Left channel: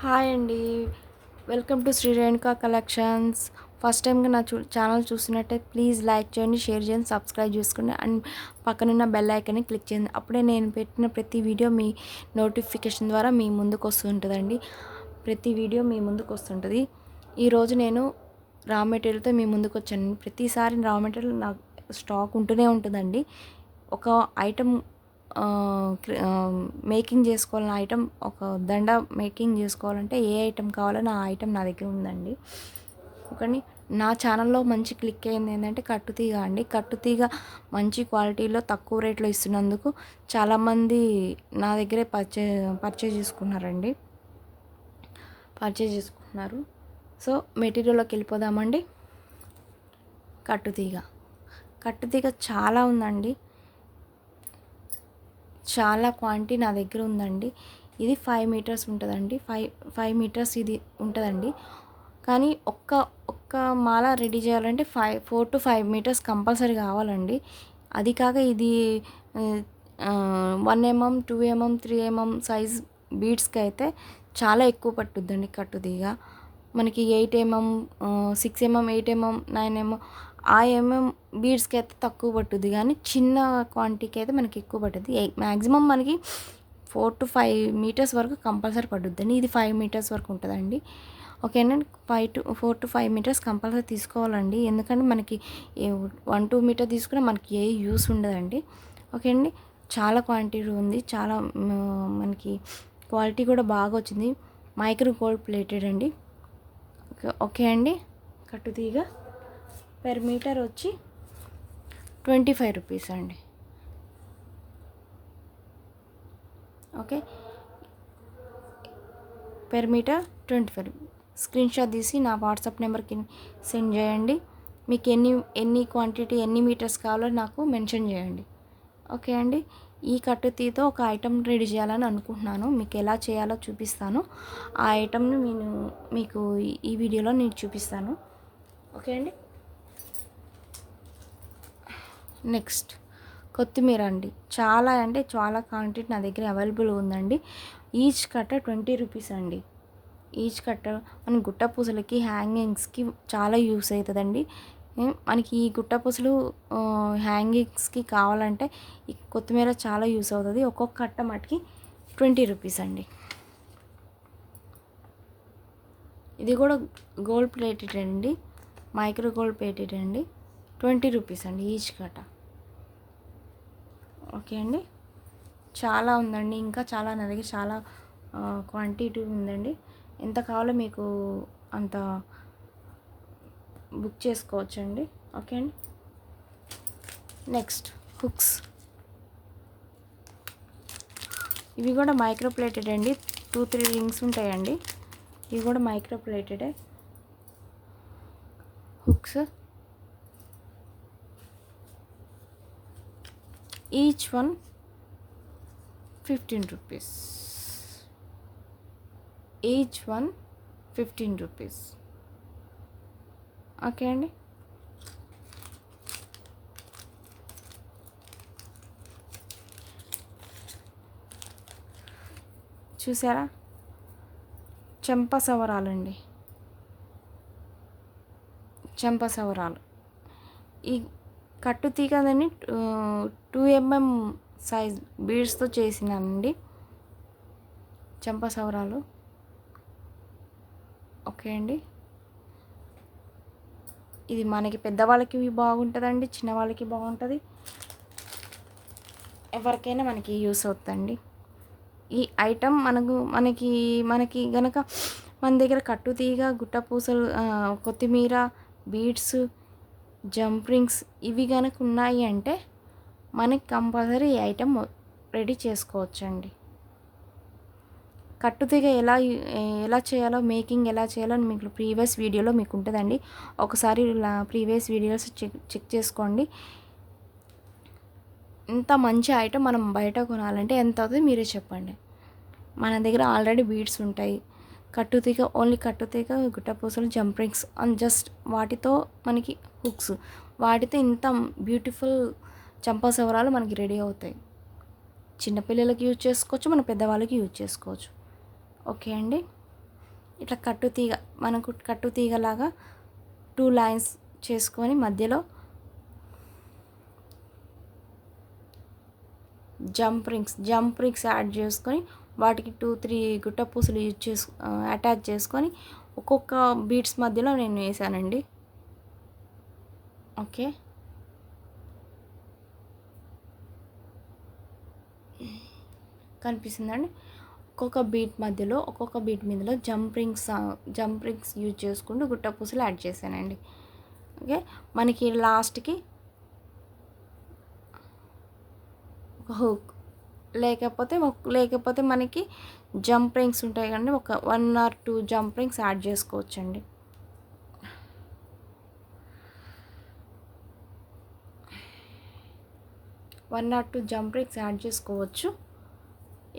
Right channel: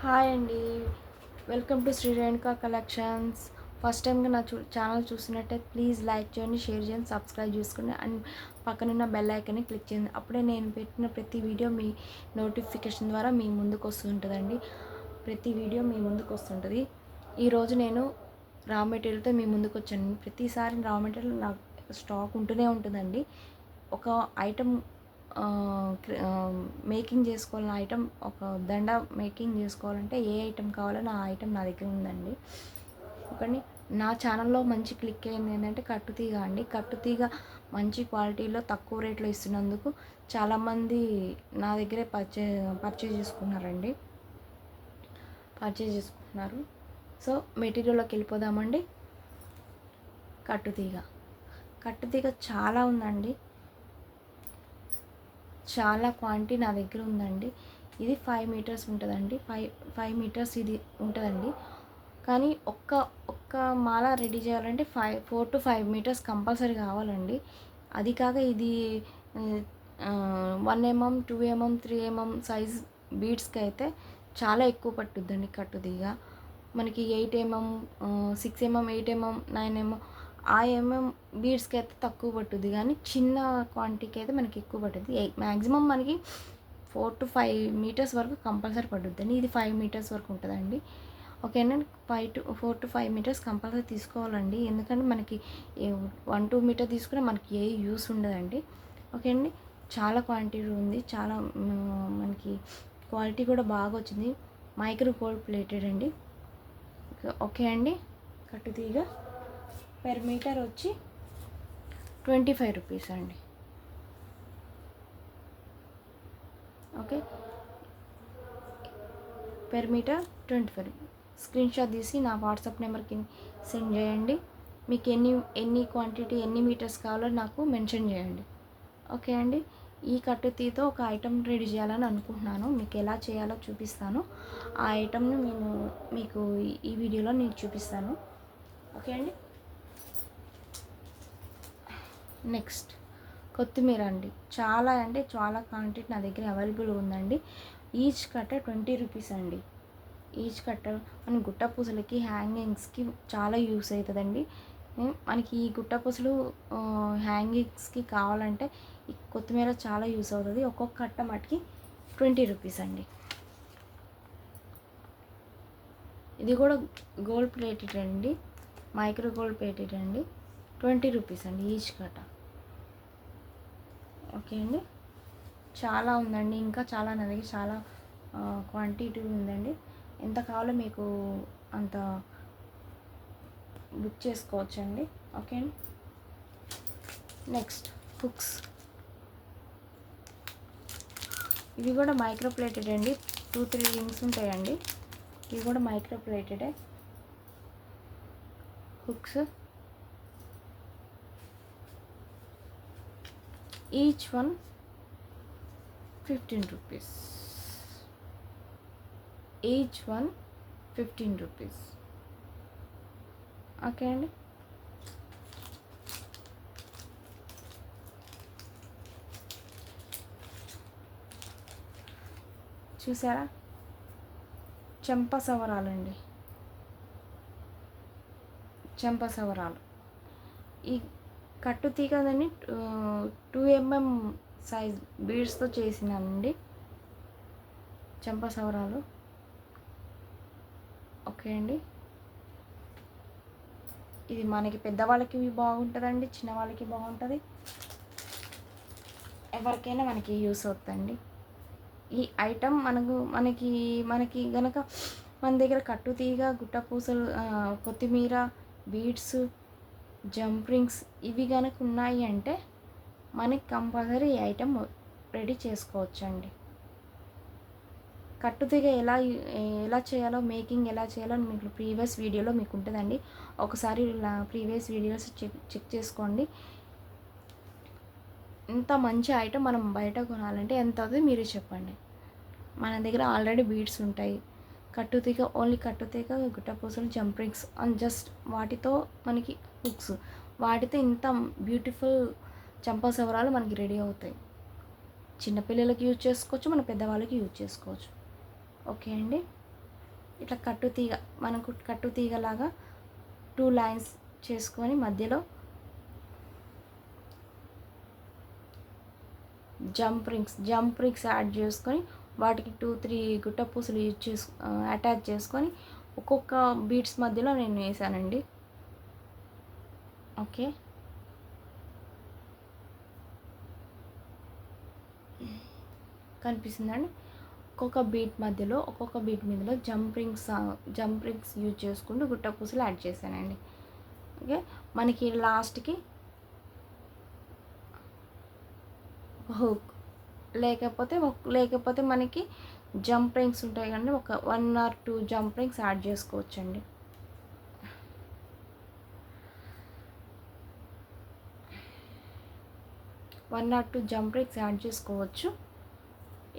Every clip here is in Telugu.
హాయ్ అండి. Welcome to Shri Renuka collections. First టైంగా నా ఛానల్ చూస్తున్నట్టయితే ప్లీజ్ లైక్ చేయండి, షేర్ చేయండి, సబ్స్క్రైబ్ చేసుకోండి అండ్ పక్కనున్న బెల్ ఐకాన్ని క్లిక్ చేయండి. అప్పుడే నేను పెట్టిన ప్రతి వీడియో మీ నోటిఫికేషన్ ద్వారా మీ ముందుకు వస్తుంటుందండి. ప్రతి వీడియో మీ ముందుకు వస్తుంటుంది. ఈరోజు నేను రా మెటీరియల్తో మీ ముందుకు వచ్చాను. ప్రతిసారి రా మెటీరియల్ నా స్టాక్ ఉంటూనే ఉంటుందండి. ఒక ఐటమ్ మేకింగ్ చేసుకోవాలన్న ఐటమ్, ఒక దండ మేకింగ్ చేసుకోవాలంటే ఏ ఐటమ్ కావాలో ఆ ఐటమ్ నా దగ్గర ఉందండి. కానీ నా ఛానల్లో మంచి క్లిక్ అయింది ఏంటంటే కట్టుతీగ అండి. కట్టుతీగ మంచి క్వాలిటీలో తక్కువ రేట్లో ఇస్తున్నందుకు చాలామంది నా దగ్గరే పర్చేజ్ చేసుకున్నారండి. సో మెటీరియల్లోకి వెళ్ళిపోదామండి. కట్టుతీగ చాలా ఉందండి. చాలా క్వాంటిటీ నా దగ్గర ఉందండి. ఇది 5 మీటర్స్ ఉంటుందండి. 5 మీటర్స్ ఇది ఉంటుందండి. కానీ ఒక్క మాల రెడీ చేయాలంటే 4 to 5 మీటర్స్ కంపల్సరీ కావాలండి. అది కాక ఇది 1 mm, 2 mm, 3 mm సైజ్ బీడ్స్కి అయితే చాలా ఎక్కువ పట్టుద్దండి కట్టుతీగ. మనకి 8 mm, 6 mm, 8 mm, 9 mm ఆ బీడ్స్కి అయితే తక్కువ పట్టుద్ది, కానీ చిన్న క్వాంటిటీకి అయితే మనకి ఎక్కువ పట్టుద్ది. మ్యాక్సిమం మనకి 4 to 5 మీటర్స్ వరకు కంపల్సరీ పట్టుద్దండి. ఇది 5 మీటర్స్ వరకు ఉంటుందండి. ఓకేనండి. 4 to 5 మీటర్స్ కంపల్సరీ తీసుకోవాలండి. ఎందుకంటే మనకి 1-2 మీటర్ తీసుకున్నా మనకి ఏ యూస్ ఉండదండి. ఓకే అండి. చాలా క్వాంటిటీ ఉంది. చాలా మనకి క్వాలిటీ కూడా బాగా వచ్చింది. మైక్రో గోల్డ్ ప్లేటెడ్ అండి. ఓకే అండి. కట్టుతీగ పెర్ మీటర్ వచ్చి 25 రూపీస్ అండి. Okay, per meter 25. Screenshot తీసి నా వాట్సాప్ నెంబర్కి సెండ్ చేయండి. మీకు ఎన్ని క్వాంటిటీ ఎన్ని మీటర్స్ కావాలో నాకు మెన్షన్ చేయండి. ఓకే అండి. ఈ కట్టుతీతో ఒక ఐటమ్ రెడీ చేయాలని అనుకుంటున్నాను. మీకు ఎలా చేయాలో చూపిస్తాను. ఆ ఐటమ్ని నేను మీకు ఈ వీడియోలో నేను చూపిస్తాను. ఓకే అండి. నెక్స్ట్ కొత్తిమీర అండి. చాలా అంటే చాలా క్వాంటిటీ నా దగ్గర అవైలబుల్ ఉందండి. ఈచ్ కట్ట 20 రూపీస్ అండి. ఈచ్ కట్ట మన గుట్ట పూసలకి హ్యాంగింగ్స్కి చాలా యూస్ అవుతుందండి. మనకి ఈ గుట్ట పూసలు హ్యాంగింగ్స్కి కావాలంటే ఈ కొత్తిమీర చాలా యూస్ అవుతుంది. ఒక్కొక్క కట్ట మటుకి 20 రూపీస్ అండి. ఇది కూడా గోల్డ్ ప్లేటెడ్ అండి. మైక్రో గోల్డ్ ప్లేటెడ్ అండి. 20 రూపీస్ అండి ఈచ్ కట్ట. ఓకే అండి. చాలా ఉందండి. ఇంకా చాలా నా దగ్గర చాలా క్వాంటిటీ ఉందండి. ఎంత కావాలో మీకు అంత బుక్ చేసుకోవచ్చండి. ఓకే అండి. Next hooks. ఇవి కూడా మైక్రో ప్లేటెడ్ అండి. 2-3 రింగ్స్ ఉంటాయండి. ఇవి కూడా మైక్రో ప్లేటెడే hooks. Each one 15 rupees. Each one 15 rupees. Okay అండి. చూసారా, చెంపసవరాలండి. చెంపసవరాలు ఈ కట్టుతీగదని 2 mm సైజ్ బీడ్స్తో చేసినానండి చెంపసవరాలు. ఓకే అండి. ఇది మనకి పెద్దవాళ్ళకి బాగుంటుందండి, చిన్నవాళ్ళకి బాగుంటుంది, ఎవరికైనా మనకి యూస్ అవుతుందండి. ఈ ఐటమ్ మనకి గనక మన దగ్గర కట్టుతీగ, గుట్టపూసలు, కొత్తిమీర, బీడ్స్, జంప్ రింగ్స్ ఇవి కనుక ఉన్నాయి అంటే మనకి కంపల్సరీ ఈ ఐటమ్ రెడీ చేసుకోవచ్చండి. కట్టుతీగ ఎలా చేయాలో, మేకింగ్ ఎలా చేయాలో మీకు ప్రీవియస్ వీడియోలో మీకు ఉంటుందండి. ఒకసారి ప్రీవియస్ వీడియోస్ చెక్ చేసుకోండి. ఇంత మంచి ఐటమ్ మనం బయట కొనాలంటే ఎంత అవుతుంది మీరే చెప్పండి. మన దగ్గర ఆల్రెడీ బీడ్స్ ఉంటాయి. కట్టుతీగ, ఓన్లీ కట్టుతీగ, గుట్టపూసలు, జంప్ రింగ్స్ అండ్ జస్ట్ వాటితో మనకి హుక్స్, వాటితో ఇంత బ్యూటిఫుల్ చంపసవరాలు మనకి రెడీ అవుతాయి. చిన్నపిల్లలకి యూజ్ చేసుకోవచ్చు, మన పెద్దవాళ్ళకి యూజ్ చేసుకోవచ్చు. ఓకే అండి. ఇట్లా కట్టుతీగ, మనకు కట్టుతీగలాగా 2 లైన్స్ చేసుకొని మధ్యలో జంప్ రింగ్స్ యాడ్ చేసుకొని వాటికి 2-3 గుట్ట పూసలు అటాచ్ చేసుకొని ఒక్కొక్క బీడ్స్ మధ్యలో నేను వేసానండి. ఓకే, కనిపిస్తుందండి. ఒక్కొక్క బీట్ మధ్యలో జంప్ రింగ్స్ యూజ్ చేసుకుంటూ గుట్ట పూసలు యాడ్ చేశానండి. ఓకే, మనకి లాస్ట్కి హుక్ లేకపోతే మనకి జంప్ రింగ్స్ ఉంటాయి కండి, ఒక 1 or 2 జంప్ రింగ్స్ యాడ్ చేసుకోవచ్చండి.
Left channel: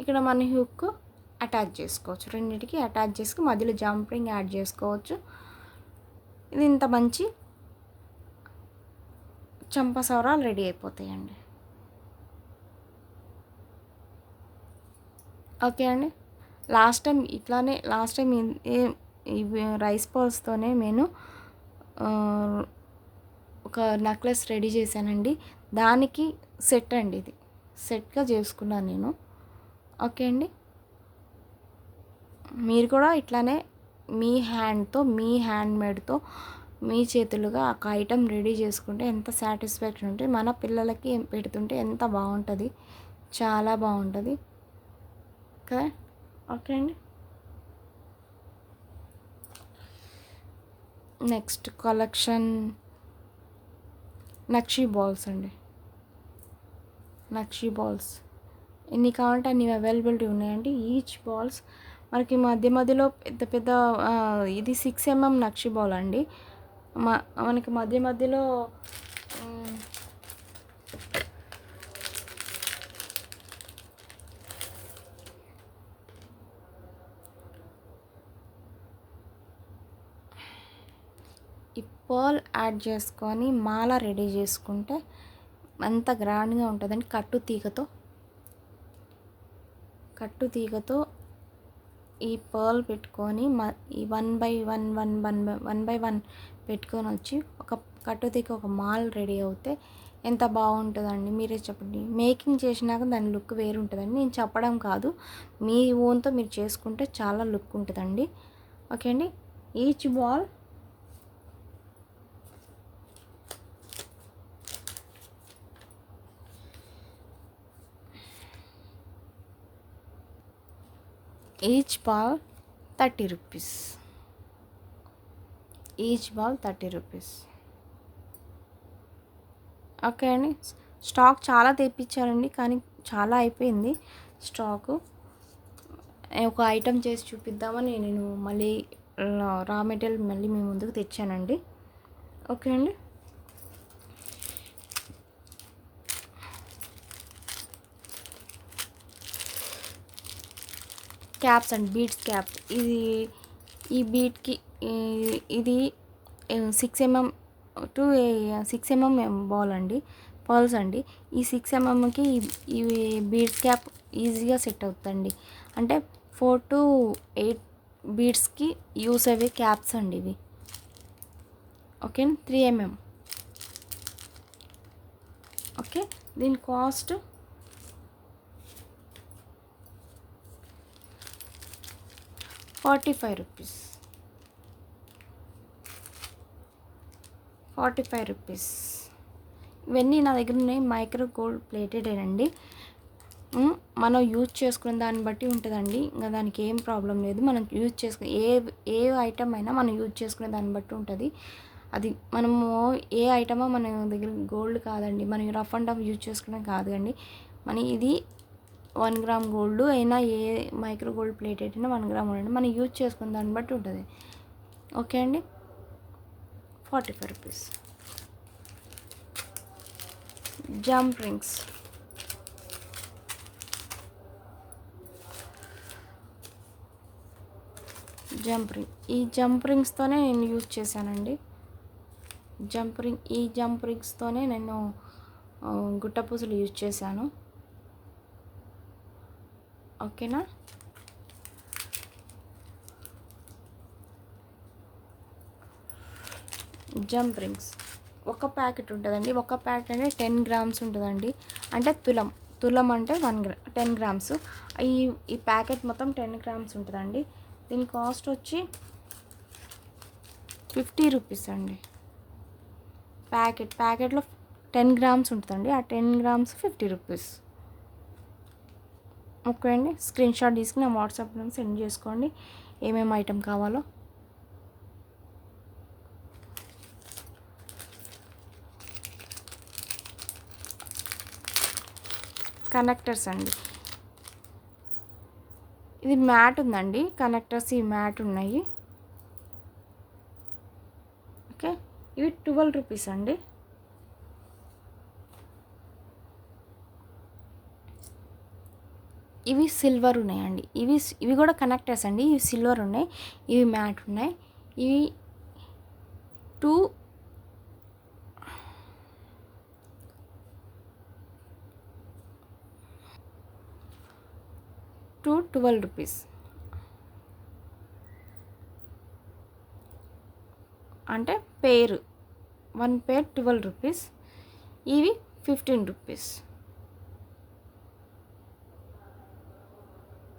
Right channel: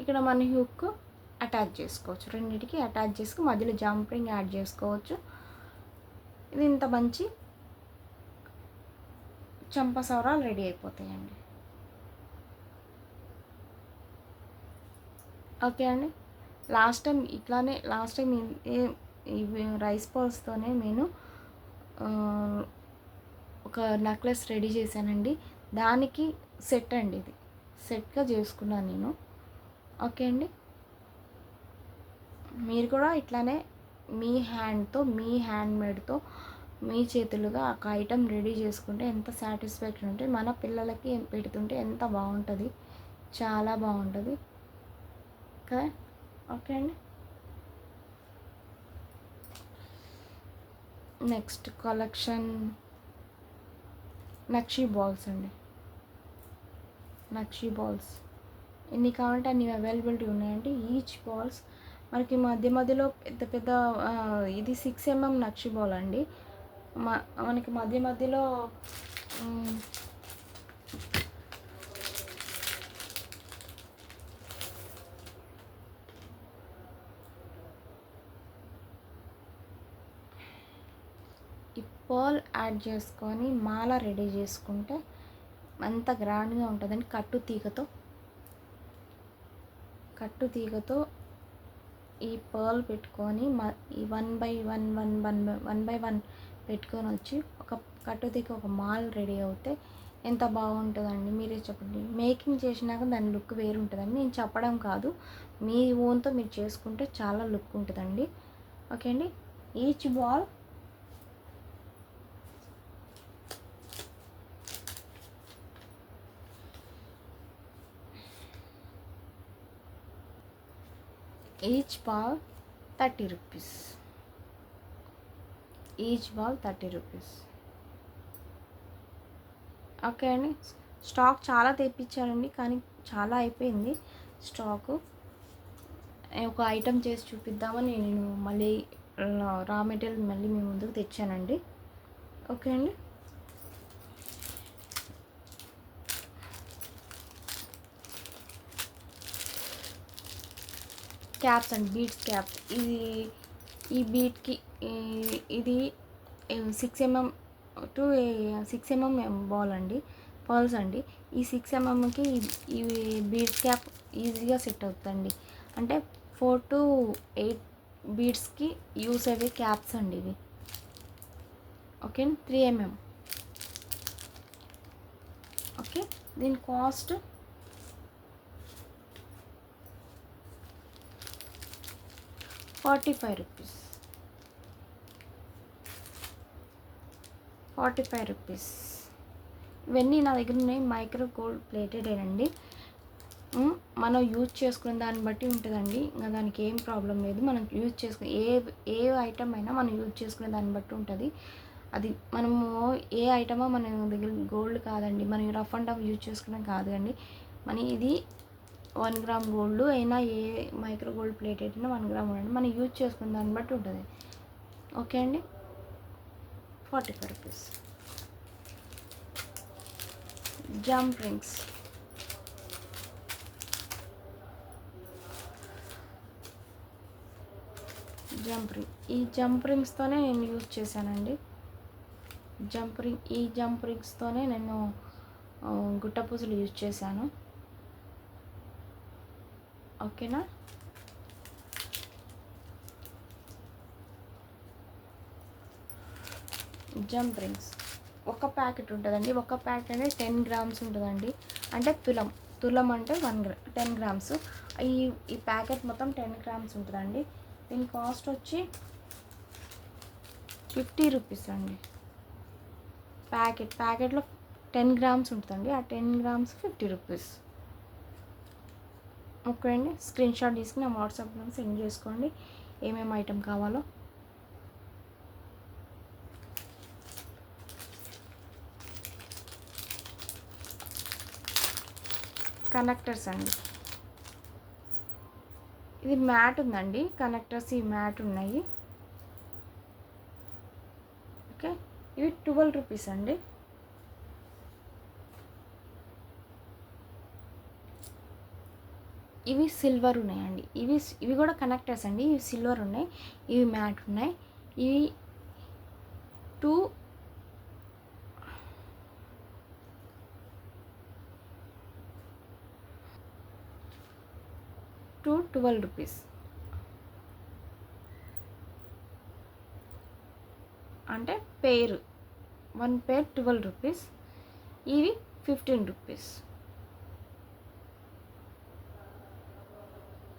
ఇక్కడ మన హుక్ అటాచ్ చేసుకోవచ్చు, రెండింటికి అటాచ్ చేసుకుని మధ్యలో జంప్ రింగ్ యాడ్ చేసుకోవచ్చు. ఇది ఇంత మంచి చంపసవరాలు రెడీ అయిపోతాయండి. ఓకే అండి, లాస్ట్ టైం ఈ రైస్ బాల్స్తోనే నేను ఒక నెక్లెస్ రెడీ చేశానండి. దానికి సెట్ అండి, ఇది సెట్గా చేసుకున్నాను నేను. ఓకే అండి, మీరు కూడా ఇట్లానే మీ హ్యాండ్మేడ్తో మీ చేతులుగా ఒక ఐటెం రెడీ చేసుకుంటే ఎంత సాటిస్ఫాక్షన్ ఉంటుంది, మన పిల్లలకి పెడుతుంటే ఎంత బాగుంటుంది, చాలా బాగుంటుంది కదా. ఓకే అండి, నెక్స్ట్ కలెక్షన్ నక్షీ బాల్స్ అండి. నక్షీ బాల్స్ ఎన్ని కావాలంటే అన్ని అవైలబిలిటీ ఉన్నాయండి. ఈచ్ బాల్స్ మనకి మధ్యలో పెద్ద ఇది 6 mm నక్షీ బాల్ అండి. మనకి మధ్యలో ఈ పర్ల్ యాడ్ చేసుకొని మాల రెడీ చేసుకుంటే అంత గ్రాండ్గా ఉంటుందండి. కట్టుతీగతో ఈ పర్ల్ పెట్టుకొని ఈ 1 by 1 పెట్టుకొని వచ్చి ఒక కట్టుతీగ ఒక మాల్ రెడీ అవుతే ఎంత బాగుంటుందండి, మీరే చెప్పండి. మేకింగ్ చేసినాక దాని లుక్ వేరు ఉంటుందండి, నేను చెప్పడం కాదు, మీ ఓన్తో మీరు చేసుకుంటే చాలా లుక్ ఉంటుందండి. ఓకే అండి, each ball each ball 30 rupees. Okay అండి, స్టాక్ చాలా తెప్పించారండి, కానీ చాలా అయిపోయింది స్టాకు. ఒక ఐటెం చేసి చూపిద్దామని నేను మళ్ళీ రా మెటీరియల్ మళ్ళీ మీ ముందుకు తెచ్చానండి. ఓకే అండి, క్యాప్స్ అండ్ బీడ్స్ క్యాప్. ఈ బీట్కి ఇది 6 mm టు 6 mm బాల్ అండి, పర్ల్స్ అండి. ఈ 6 mmకి ఈ బీడ్స్ క్యాప్ ఈజీగా సెట్ అవుతుందండి. అంటే 4 to 8 బీడ్స్కి యూస్ అయ్యే క్యాప్స్ అండి ఇవి. Okay, 3 mm. ఓకే, దీని కాస్ట్ ₹45. ఇవన్నీ నా దగ్గర ఉన్నాయి, మైక్రో గోల్డ్ ప్లేటెడేనండి. మనం యూజ్ చేసుకునే దాన్ని బట్టి ఉంటుందండి, ఇంకా దానికి ఏం ప్రాబ్లం లేదు. మనం యూజ్ చేసుకునే ఏ ఐటమ్ అయినా మనం యూజ్ చేసుకునే దాన్ని బట్టి ఉంటుంది. అది మనము ఏ ఐటమో మన దగ్గర గోల్డ్ కాదండి, మనం రఫ్ అండ్ టఫ్ యూజ్ చేసుకునే కాదు అండి. ఇది 1 gram గోల్డ్ అయినా, ఏ మైక్రో గోల్డ్ ప్లేటెడ్ అయినా 1 gram ఉండండి, మనం యూజ్ చేసుకునే దాన్ని బట్టి ఉంటుంది. ఓకే అండి, ₹45. Jump rings. ఈ జంప్ రింగ్స్తోనే నేను యూజ్ చేశానండి. ఈ జంప్ రింగ్స్తోనే నేను గుట్ట పూసలు యూజ్ చేశాను. ఓకేనా, జంప్ రింగ్స్ ఒక ప్యాకెట్ ఉంటుందండి. ఒక ప్యాకెట్ అంటే 10 గ్రామ్స్ ఉంటుందండి. అంటే తులం అంటే 10 గ్రామ్స్. ఈ ఈ ప్యాకెట్ మొత్తం 10 గ్రామ్స్ ఉంటుందండి. దీని కాస్ట్ వచ్చి 50 రూపీస్ అండి. ప్యాకెట్లో 10 గ్రామ్స్ ఉంటుందండి. ఆ 10 గ్రామ్స్ 50 రూపీస్. ఓకే అండి, స్క్రీన్ షాట్ తీసుకుని నా వాట్సాప్లో సెండ్ చేసుకోండి ఏమేమి ఐటెం కావాలో. కనెక్టర్స్ అండి. ఇది మ్యాట్ ఉందండి. కనెక్టర్స్ ఈ మ్యాట్ ఉన్నాయి. ఓకే, ఇవి 12 రూపీస్ అండి. ఇవి సిల్వర్ ఉన్నాయండి. ఇవి కూడా కనెక్టర్స్ అండి. ఇవి సిల్వర్ ఉన్నాయి. ఇవి మ్యాట్ ఉన్నాయి. ఇవి 2 12 రూపీస్. అంటే పేరు 1 పేర్ 12 రూపీస్. ఇవి 15 రూపీస్.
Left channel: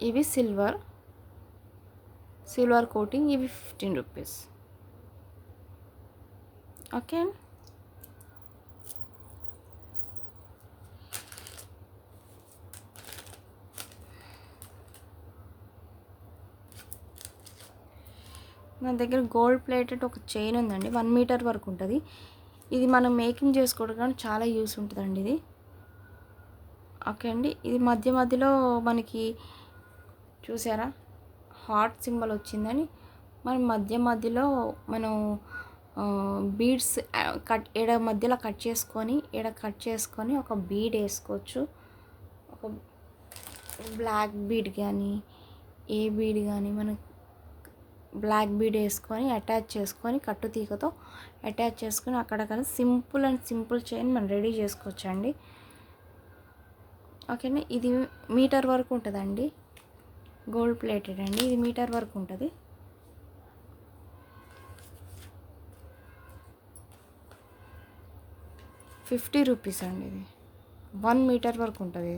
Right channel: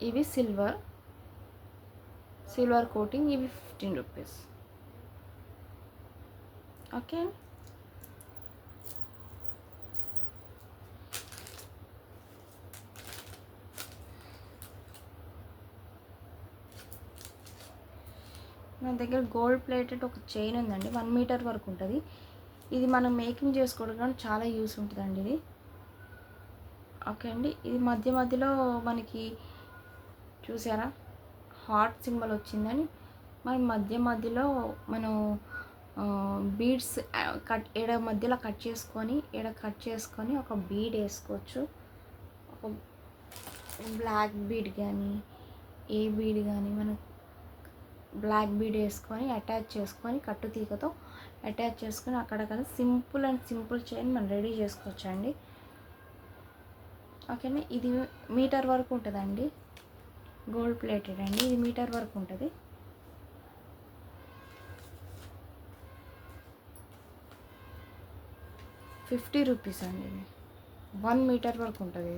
ఇవి సిల్వర్ కోటింగ్. ఇవి 15 రూపీస్. ఓకే, నా దగ్గర గోల్డ్ ప్లేటెడ్ ఒక చైన్ ఉందండి. 1 మీటర్ వరకు ఉంటుంది. ఇది మనం మేకింగ్ చేసుకోవడానికి చాలా యూస్ ఉంటుందండి ఇది. ఓకే అండి, ఇది మధ్యలో మనకి చూసారా హార్ట్ సింబల్ వచ్చిందని, మనం మధ్యలో మనం బీడ్స్ మధ్యలో కట్ చేసుకొని ఒక బీడ్ వేసుకోవచ్చు. ఒక బ్లాక్ బీడ్ కానీ ఏ బీడ్ కానీ మనం బ్లాక్ బీడ్ వేసుకొని అటాచ్ చేసుకొని కట్టుతీగతో అటాచ్ చేసుకొని అక్కడక్కడ సింపుల్ చైన్ మనం రెడీ చేసుకోవచ్చు అండి. ఓకేనా, ఇది మీటర్ వరకు ఉంటుందండి. గోల్డ్ ప్లేటెడ్ అండి. ఇది మీటర్ వరకు ఉంటుంది. ₹50 అండి. ఇది 1 మీటర్ వరకు ఉంటుంది.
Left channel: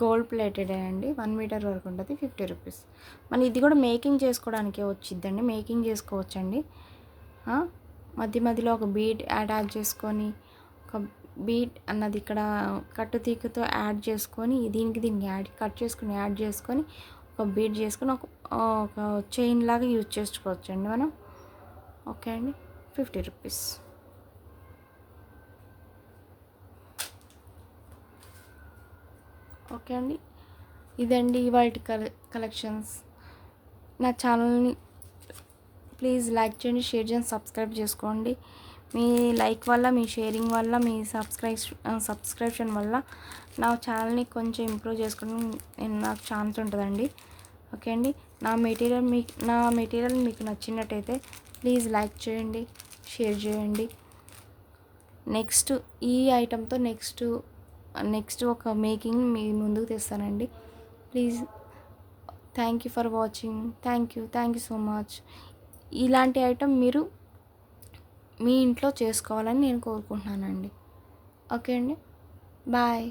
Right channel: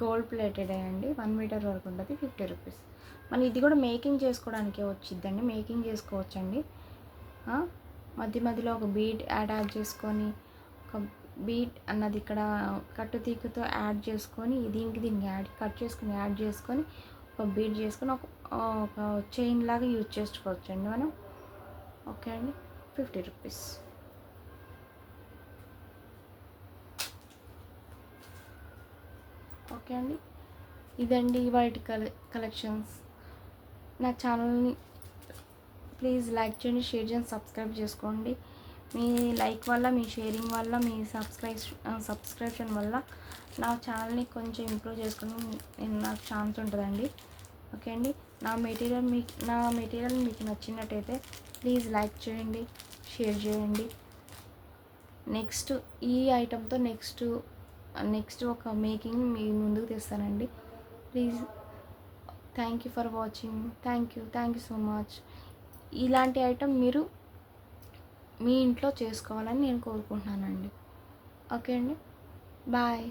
గోల్డ్ ప్లేటెడ్ అండి. 1 మీటర్ వరకు ఉంటుంది. ₹50. మన ఇది కూడా మేకింగ్ చేసుకోవడానికే వచ్చిద్దండి. మేకింగ్ చేసుకోవచ్చండి. మధ్యలో ఒక బీడ్ అటాచ్ చేసుకొని ఒక బీడ్ అన్నది ఇక్కడ కట్టుతీగతో యాడ్ చేసుకొని దీనికి కట్ చేసుకుని యాడ్ చేసుకొని ఒక బీడ్ చేసుకొని ఒక చైన్ లాగా యూజ్ చేసుకోవచ్చండి మనం. ఓకే అండి, ₹50. ఓకే అండి, ఇదండి వాటి కలెక్షన్స్. నా ఛానల్ని ప్లీజ్ లైక్ చేయండి, షేర్ చేయండి, సబ్స్క్రైబ్ చేసుకోండి. మీ లైక్ వల్ల, మీ షేరింగ్ వల్ల, మీ సబ్స్క్రిప్షన్ వల్ల నా ఛానల్ని కొంచెం ఇంప్రూవ్ చేసుకుని నాకు ఛాన్స్ ఉంటుందండి. ఓకే అండి, నా మెటీరియల్ మీకు నచ్చినట్టయితే ప్లీజ్ లైక్ చేయండి, షేర్ చేయండి. నెక్స్ట్ ఈ ఐటెంతో నెక్స్ట్ ఒక మేకింగ్ మీ ముందుకు తెస్తానండి. Please, thank you for watching. Thank you so much. ఇలాంటి ఐటెం మీరు మీ ఇంట్లో చేసుకోవాలని నేను కోరుకుంటున్నానండి. ఓకే అండి, బాయ్.